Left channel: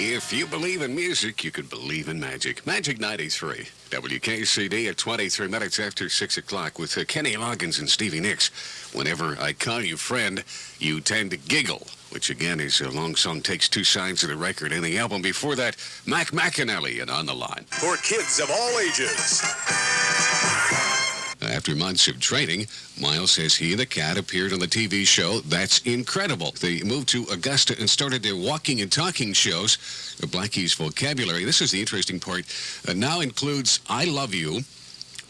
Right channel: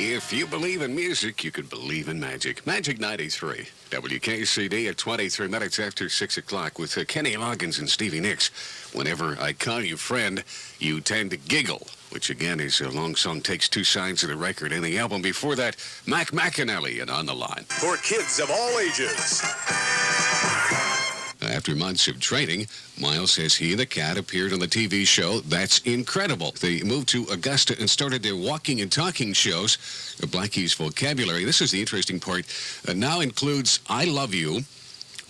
If you believe in music, you can believe in magic. Magic 93. WKCD at 23 minutes after 6 o'clock with Kenny Loggins and Stevie Nicks. Whenever I call you friend, you tend to giggle, which again is a long song, takes two sides of the record and the album. Before that, Mac McAnally and On the Line. For kids of all ages. After months of training, Miles says he and the cat appeared on the TV show That's Incredible. They moved to Augusta and started their walking and talking shows. Blackie's vocabulary, this is the interesting part, now includes I love you,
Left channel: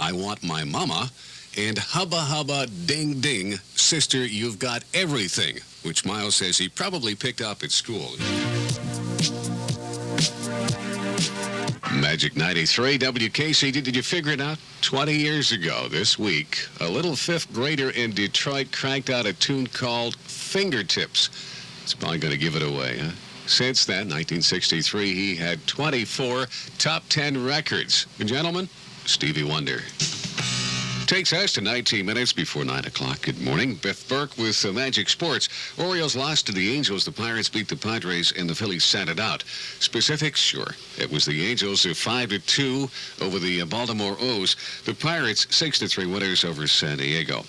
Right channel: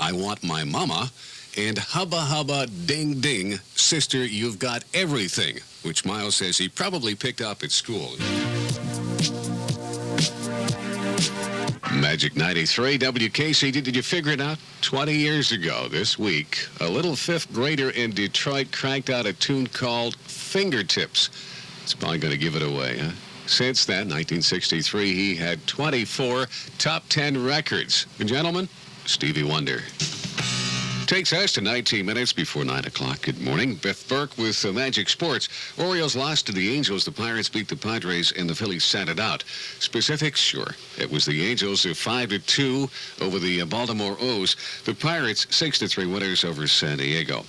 I want my mama, and hubba hubba ding ding, sister, you've got everything, which Miles says he probably picked up at school. Magic 93, WKCD. Did you figure it out? 20 years ago this week, a little fifth grader in Detroit cranked out a tune called Fingertips. It's probably going to give it away, huh? Since then, 1963, he had 24 top 10 records. Gentlemen, Stevie Wonder. Takes us to 19 minutes before 9 o'clock. Good morning. Denis Burke with Magic Sports. Orioles lost to the Angels. The Pirates beat the Padres, and the Phillies sat it out. Specifics? Sure. It was the Angels 5-2 over the Baltimore O's. The Pirates 6-3 winners over San Diego.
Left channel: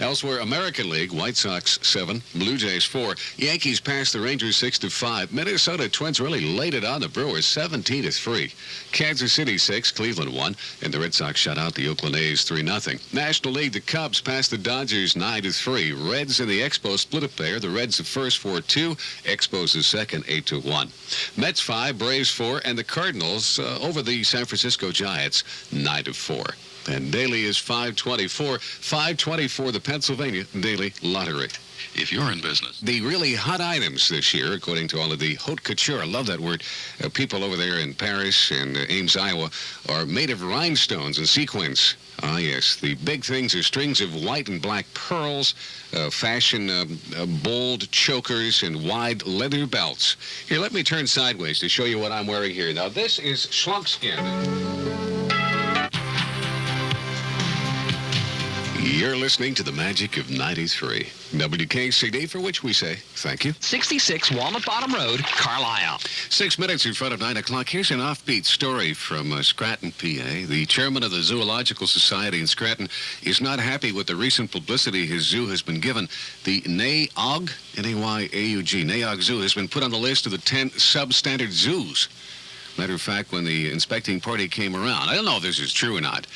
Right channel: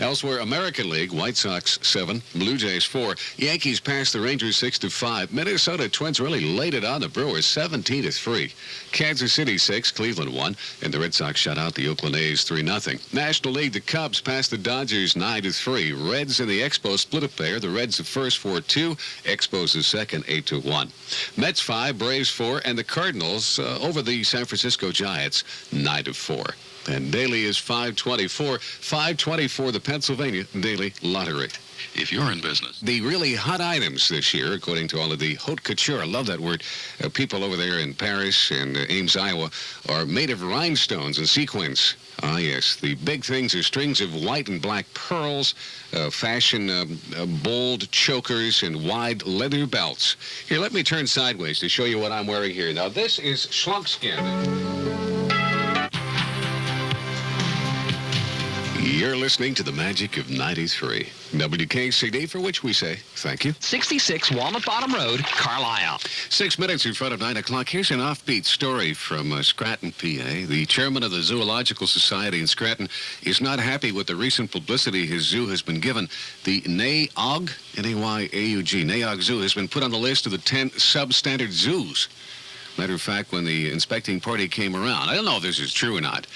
Elsewhere, American League, White Sox 7, Blue Jays 4. Yankees passed the Rangers 6-5. Minnesota Twins really laid it on the Brewers 17-3. Kansas City 6, Cleveland 1, and the Red Sox shut out the Oakland A's 3-0. National League, the Cubs passed the Dodgers 9-3. Reds and the Expos split a pair. The Reds the first 4-2, Expos the second 8-1. Mets 5, Braves 4, and the Cardinals over the San Francisco Giants 9-4. And daily is 524. 524, the Pennsylvania Daily Lottery. If you're in business. The really hot items this year, according to all of the haute couture, I love that word, people over there in Paris and Ames, Iowa, are made of rhinestones and sequins. Ah, yes. The big things are strings of white and black pearls, fashion bold chokers, and wide leather belts. Here, let me turn sideways to show you what I'm wearing here. Now, this is Schluckskin. You're listening to the Magic of 93. WKCD, for which we say thank you. 66 Walnut Bottom Road, Carlisle. 6 minutes in front of 9 o'clock. Here's an offbeat story from Scranton, PA. The chairman of the Zoological Society in Scranton is not happy with the recent publicity his zoo has been given. The NAYAUG, N-A-Y-A-U-G, NAYAUG Zoo has been put on the list of the 10 substandard zoos. Matter of fact, when the inspecting party came around, I don't know if this is true or not,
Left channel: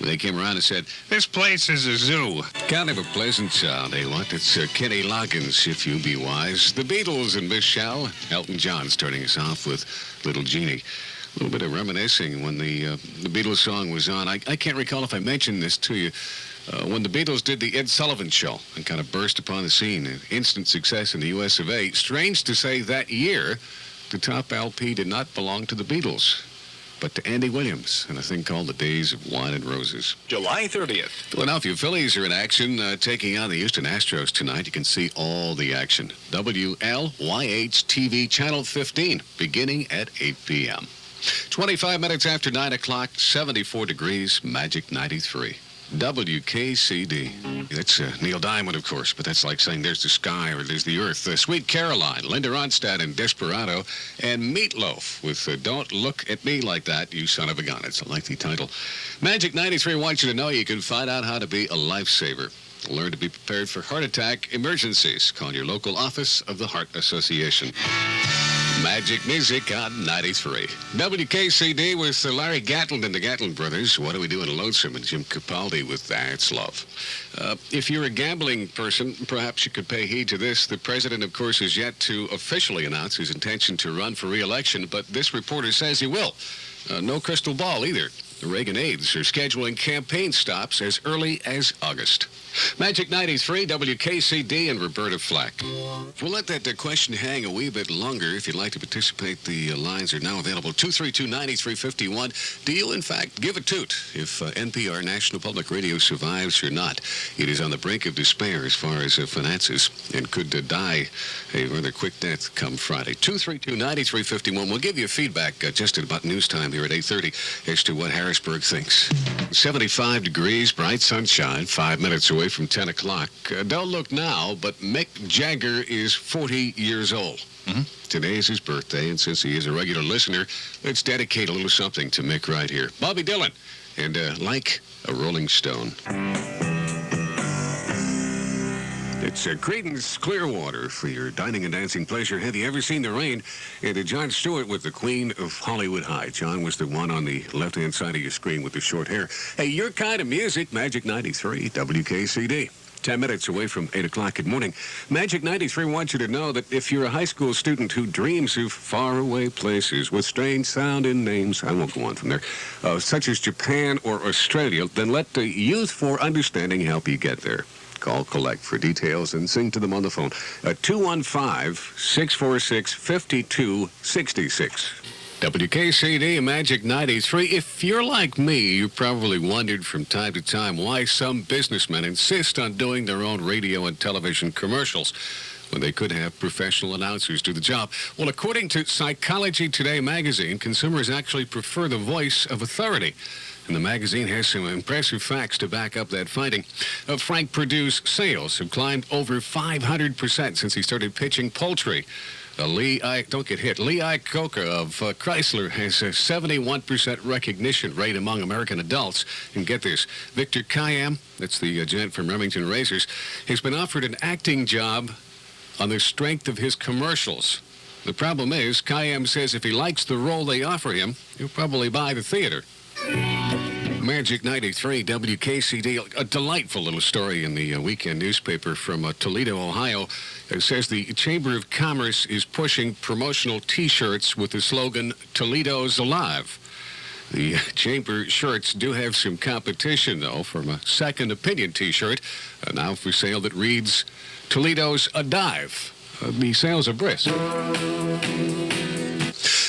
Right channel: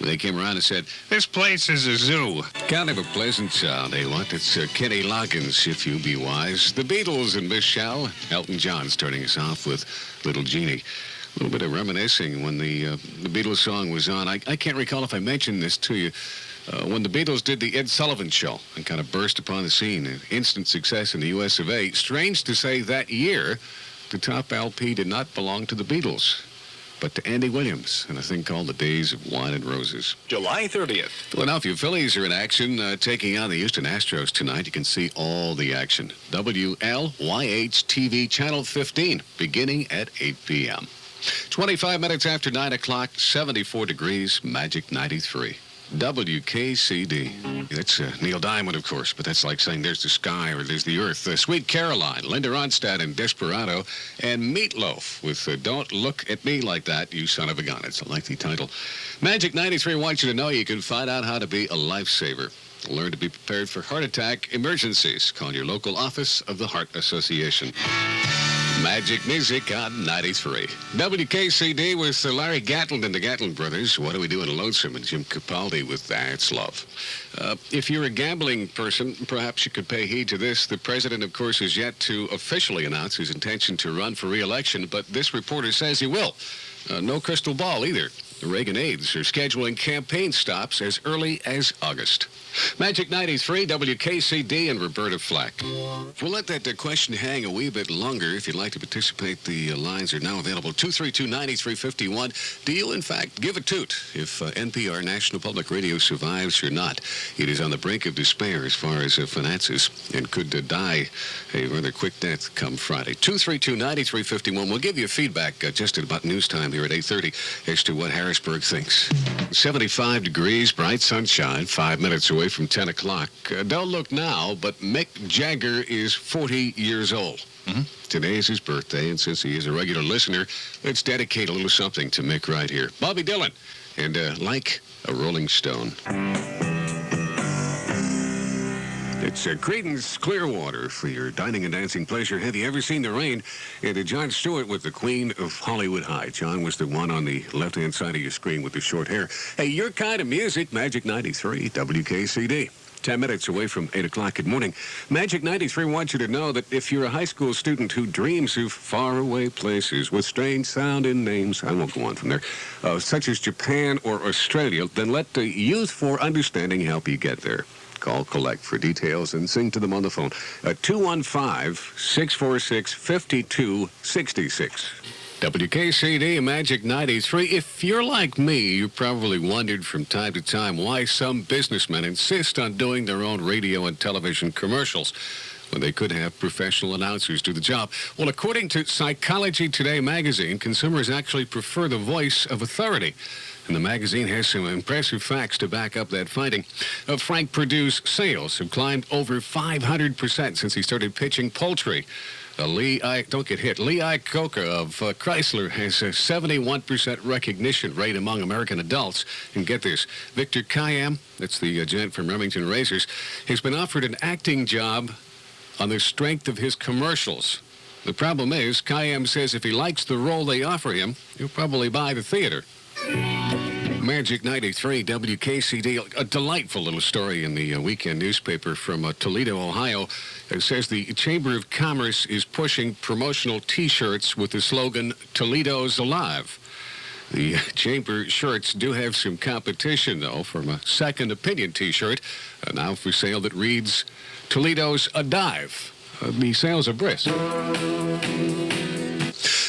they came around and said, this place is a zoo. Kind of a pleasant sound, eh, what? It's Kenny Loggins, if you be wise. The Beatles and Miss Shell. Elton John starting us off with Little Jeannie. A little bit of reminiscing when the Beatles song was on. I can't recall if I mentioned this to you. When the Beatles did the Ed Sullivan Show and kind of burst upon the scene, an instant success in the U.S. of A. Strange to say that year, the top LP did not belong to the Beatles, but to Andy Williams and a thing called The Days of Wine and Roses. July 30th. Philadelphia Phillies are in action, taking on the Houston Astros tonight. You can see all the action. WLYH-TV Channel 15, beginning at 8 p.m. 25 minutes after 9 o'clock, 74 degrees, Magic 93. WKCD. That's Neil Diamond, of course, but that's like saying there's the sky or there's the earth. Sweet Caroline, Linda Ronstadt and Desperado, and Meatloaf with Don't Look at Me Like That, You Son of a Gun. It's a lengthy title. Magic 93 wants you to know you can find out how to be a lifesaver. Learn to be prepared for heart attack emergencies. Call your local office of the Heart Association. Magic Music on 93. WKCD with Larry Gatlin and the Gatlin Brothers. What are we doing, Lonesome? And Jim Capaldi with That's Love. If you're a gambling person, perhaps you could pay heed to this. The president, of course, is yet to officially announce his intention to run for re-election, but this reporter says he will. No crystal ball either. The Reagan aides are scheduling campaign stops as early as August. Magic 93, WKCD, and Roberta Flack. We'll let that question hang a wee bit longer. If you'd like to participate, the lines are now available. 232-9351. Do you, in fact, give a toot if NPR, National Public Radio, survives or not? It is on the brink of despair as far as finances and could die a rather quick death come Friday. 232-9351. We'll give you feedback just at about news time here at 8:30 as to what Harrisburg thinks. 75 degrees, bright sunshine, 5 minutes away from 10 o'clock. Don't look now, but Mick Jagger is 40 years old. Today is his birthday, and since he is a regular listener, let's dedicate a little something to Mick right here. Bobby Dylan, and Like a Rolling Stone. It's Creedence Clearwater for your dining and dancing pleasure. Have you ever seen the rain? And Jon Stewart with the Queen of Hollywood High. John was the one on the left-hand side of your screen with the short hair. Hey, your kind of music, Magic 93, WKCD. 10 minutes away from 8 o'clock. Good morning. Magic 93 wants you to know that if you're a high school student who dreams of faraway places with strange sounding names, I won't go on from there, such as Japan or Australia, then let the Youth for Understanding help you get there. Call Collect for details and sing to them on the phone at 215-646-5266. WKCD Magic 93. If you're like me, you probably wondered from time to time why some businessmen insist on doing their own radio and television commercials when they could have professional announcers do the job. Well, according to Psychology Today magazine, consumers actually prefer the voice of authority. And the magazine has some impressive facts to back up that finding. Frank Perdue's sales have climbed over 500% since he started pitching poultry. Lee Iacocca of Chrysler has a 71% recognition rate among American adults. And get this, Victor Kayam, that's the gent from Remington Razors, has been offered an acting job on the strength of his commercials. The problem is, Kayam says if he likes the role they offer him, he'll probably buy the theater. Magic 93, WKCD, a delightful little story in the weekend newspaper from Toledo, Ohio. It says the Chamber of Commerce is pushing promotional T-shirts with the slogan, Toledo's Alive. The Chamber shirts do have some competition, though, from a Second Opinion T-shirt, now for sale, that reads, Toledo's a Dive. The sales are brisk.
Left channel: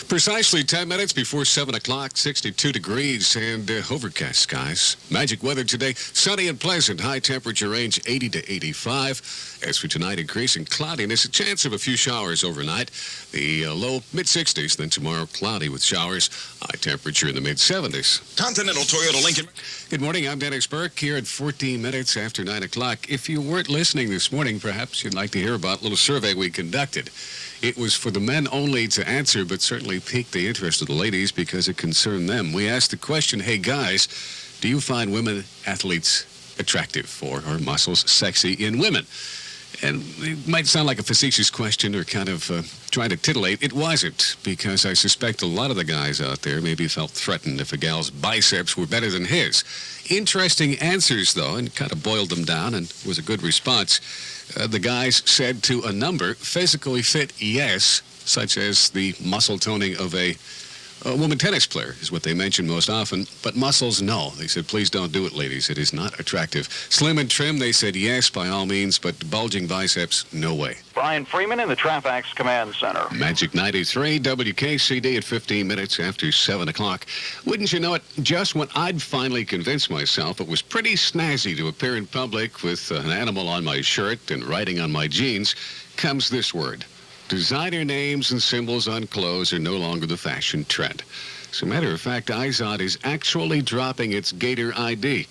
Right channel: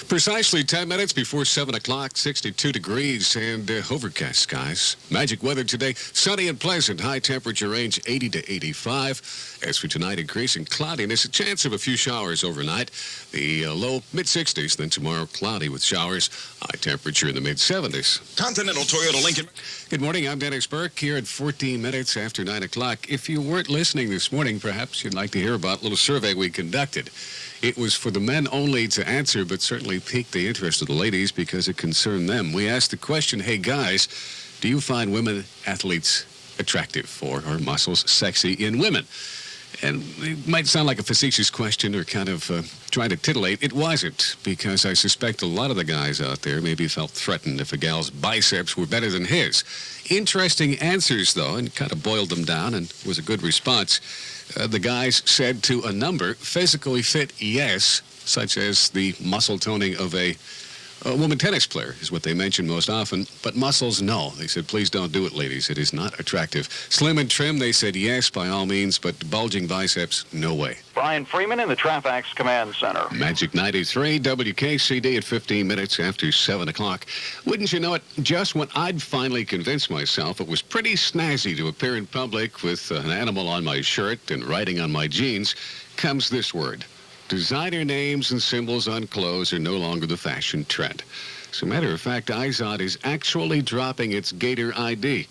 Precisely 10 minutes before 7 o'clock, 62 degrees and overcast skies. Magic weather today, sunny and pleasant. High temperature range 80 to 85. As for tonight, increasing cloudiness, a chance of a few showers overnight. The low mid-60s, then tomorrow cloudy with showers. High temperature in the mid-70s. Continental Toyota Lincoln. Good morning, I'm Denis Burke here at 14 minutes after 9 o'clock. If you weren't listening this morning, perhaps you'd like to hear about a little survey we conducted. It was for the men only to answer, but certainly piqued the interest of the ladies because it concerned them. We asked the question, hey guys, do you find women athletes attractive or are muscles sexy in women? And it might sound like a facetious question or kind of trying to titillate. It wasn't, because I suspect a lot of the guys out there maybe felt threatened if a gal's biceps were better than his. Interesting answers, though, and kind of boiled them down and was a good response. The guys said to a number, physically fit, yes, such as the muscle toning of a woman tennis player is what they mention most often, but muscles, no. They said, please don't do it, ladies. It is not attractive. Slim and trim, they said, yes, by all means, but bulging biceps, no way. Brian Freeman in the Trafax Command Center. Magic 93, WKCD at 15 minutes after 7 o'clock. Wouldn't you know it, just when I'd finally convinced myself it was pretty snazzy to appear in public with an animal on my shirt and writing on my jeans, comes this word. Designer names and symbols on clothes are no longer the fashion trend. As a matter of fact, Izod is actually dropping its Gator ID.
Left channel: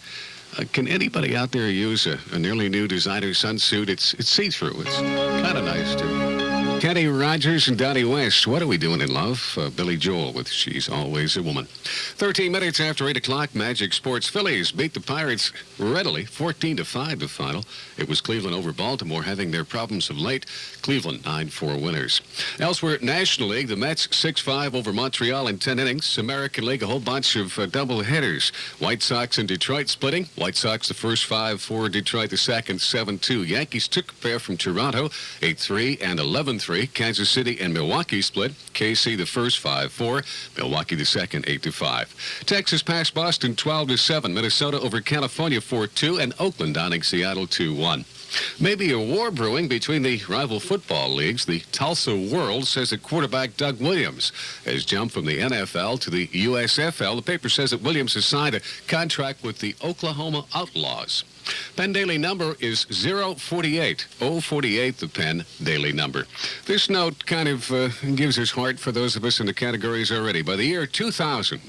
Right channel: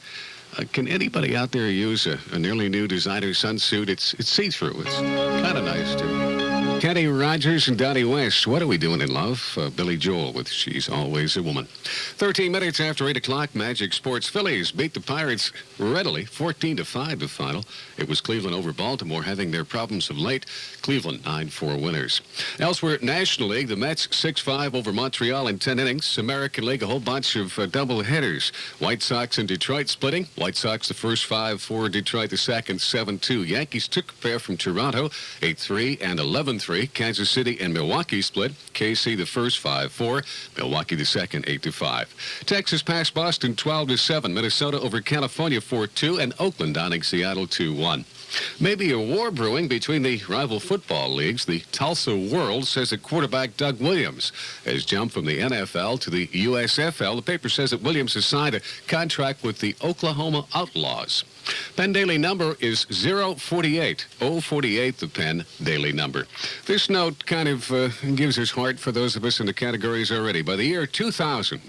Can anybody out there use a nearly new designer sunsuit? It's see-through. It's kind of nice, too. Kenny Rogers and Donnie West, what are we doing in love? Billy Joel with She's Always a Woman. 13 minutes after 8 o'clock, Magic Sports. Phillies beat the Pirates readily, 14-5 the final. It was Cleveland over Baltimore, having their problems of late. Cleveland 9-4 winners. Elsewhere, National League, the Mets 6-5 over Montreal in 10 innings. American League, a whole bunch of double headers. White Sox and Detroit splitting. White Sox the first 5-4, Detroit the second 7-2. Yankees took a pair from Toronto 8-3 and 11-3. Kansas City and Milwaukee split. KC the first 5-4, Milwaukee the second 8-5. Texas passed Boston 12-7. Minnesota over California 4-2, and Oakland downing Seattle 2-1. Maybe a war brewing between the rival football leagues. The Tulsa World says that quarterback Doug Williams has jumped from the NFL to the USFL. The paper says that Williams has signed a contract with the Oklahoma Outlaws. Penn Daily number is 048. 048, the Penn Daily number. This note kind of gives us heart for those of us in the categories already. By the year 2000,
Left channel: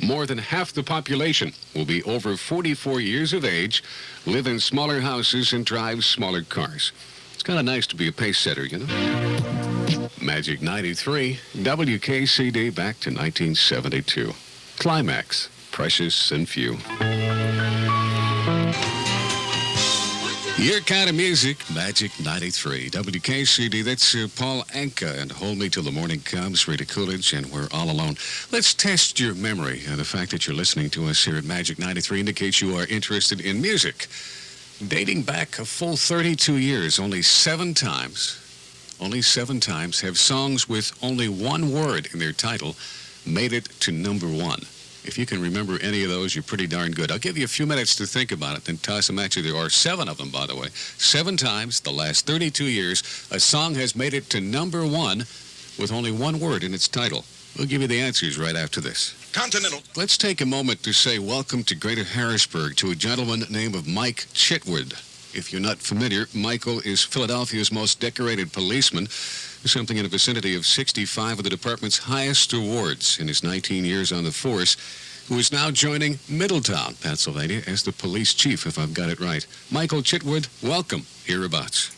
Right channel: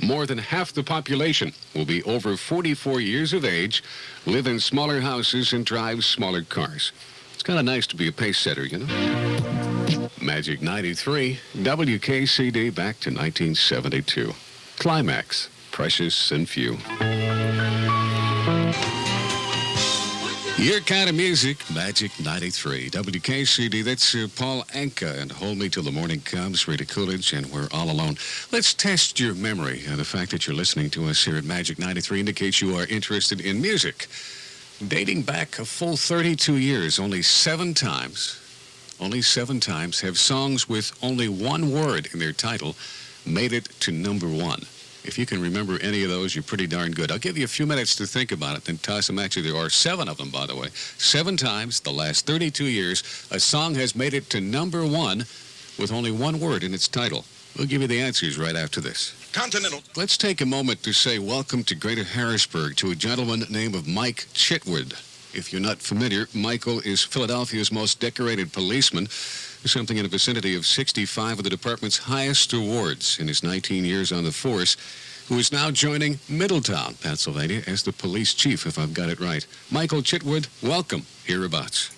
more than half the population will be over 44 years of age, live in smaller houses, and drive smaller cars. It's kind of nice to be a pace setter, you know? Magic 93, WKCD back to 1972. Climax, precious and few. Your kind of music, Magic 93. WKCD, that's Paul Anka and Hold Me Till the Morning Comes, Rita Coolidge, and We're All Alone. Let's test your memory. The fact that you're listening to us here at Magic 93 indicates you are interested in music. Dating back a full 32 years, only seven times have songs with only one word in their title made it to number one. If you can remember any of those, you're pretty darn good. I'll give you a few minutes to think about it, then toss them at you. There are seven of them, by the way. 7 times, the last 32 years, a song has made it to number one with only one word in its title. We'll give you the answers right after this. Continental. Let's take a moment to say welcome to Greater Harrisburg to a gentleman named Mike Chitwood. If you're not familiar, Michael is Philadelphia's most decorated policeman, something in the vicinity of 65 of the department's highest awards in his 19 years on the force, who is now joining Middletown, Pennsylvania, as the police chief, if I've got it right. Michael Chitwood, welcome. Hereabouts.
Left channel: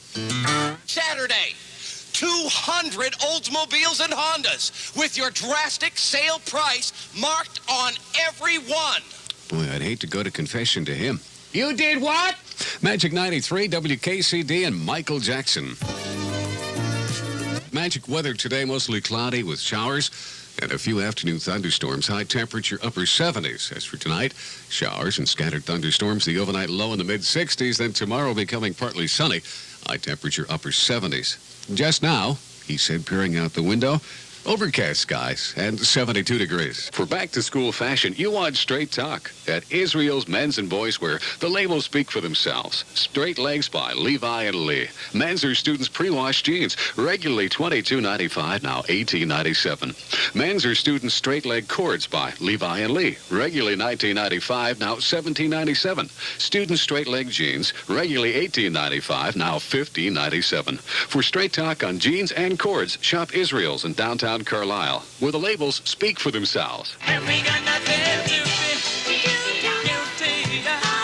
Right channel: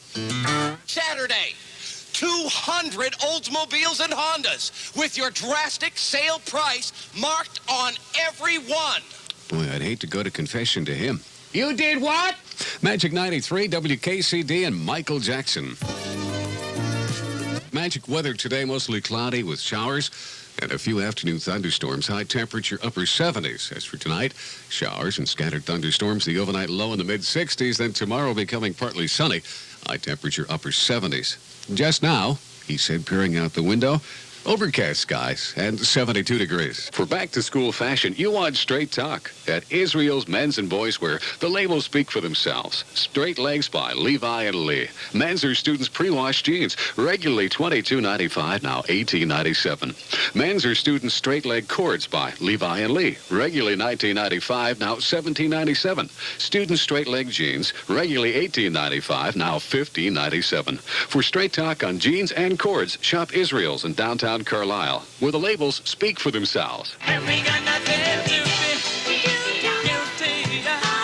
Saturday, 200 Oldsmobiles and Hondas with your drastic sale price marked on every one. Boy, I'd hate to go to confession to him. You did what? Magic 93, WKCD, and Michael Jackson. Magic weather today, mostly cloudy with showers and a few afternoon thunderstorms. High temperature upper 70s. As for tonight, showers and scattered thunderstorms. The overnight low in the mid-60s. Then tomorrow becoming partly sunny. High temperature upper 70s. Just now, he said, peering out the window, overcast skies and 72 degrees. For back-to-school fashion, you want straight talk. At Israel's Men's and Boys Wear, the labels speak for themselves. Straight legs by Levi and Lee. Men's or students pre-washed jeans, regularly $22.95, now $18.97. Men's or students straight leg cords by Levi and Lee, regularly $19.95, now $17.97. Students straight leg jeans, regularly $18.95, now $15.97. For straight talk on jeans and cords, shop Israel's in downtown Carlisle, where the labels speak for themselves.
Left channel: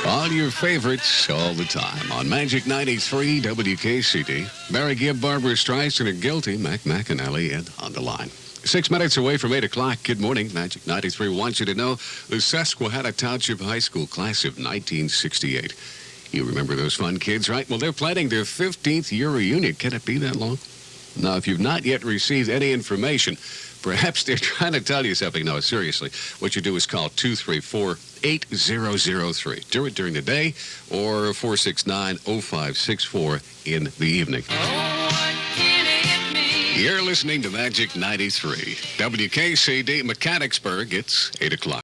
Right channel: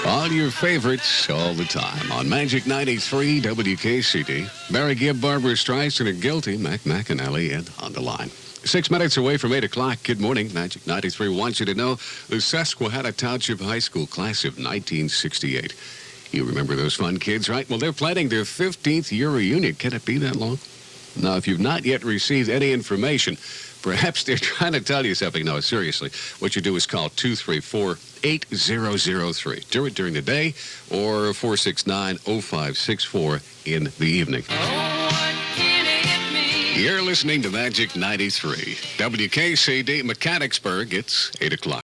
All your favorites all the time on Magic 93 WKCD. Barry Gibb, Barbara Streisand are guilty. Mac McAnally and on the line. 6 minutes away from 8 o'clock. Good morning. Magic 93 wants you to know the Susquehanna Township High School class of 1968. You remember those fun kids, right? Well, they're planning their 15th year reunion. Can it be that long? Now, if you've not yet received any information, perhaps they're trying to tell you something. No, seriously, what you do is call 234-8003. Do it during the day or 469-0564 in the evening. You're listening to Magic 93. WKCD Mechanicsburg. It's 8 o'clock.